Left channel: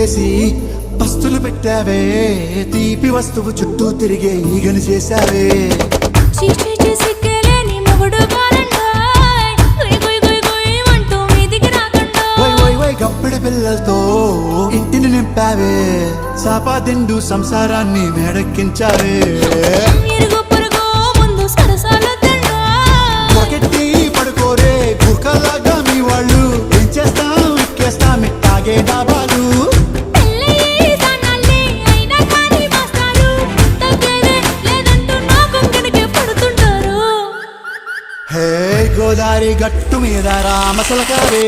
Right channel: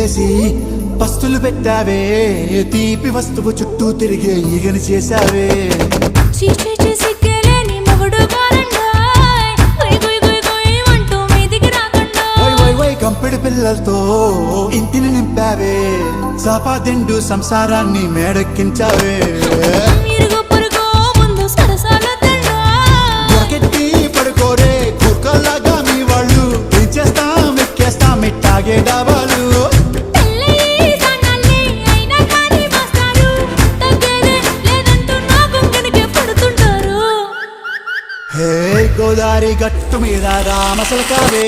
ముసుగేసి పస్తులు పెట్టావే, తీపి వస్తువు చుట్టూ తిరిగే ఈగలు చేశావే. చీచీ సిగ్గలేని మొగుడు గారండోయ్, గుయ్ గుయ్ గుయ్ గుయ్ అంటూ మీదికి రాకండోయ్. వై వై వై గంపెడి పిల్లలతో ఇంటిని నింపావే, సాపాదిండు సంసారాన్ని మేడెక్కించావే. ఇరుగు పొరుగు ముందు సరసాలొద్దండోయ్, గట్టి పడుకోరే కుక్కలాగా మీ వాళ్ళు, ఏం చేస్తాం ఎక్కేస్తాం ఇట్టాగే డాబాలు. పెళ్ళయి సానాళ్ళే అయినా కానీ మాస్తారు, తగ్గేదే లేదంటూ నా కొంగనికే పడుతుంటారు. హే గోదారి గట్టు మీద రామసల్కావే,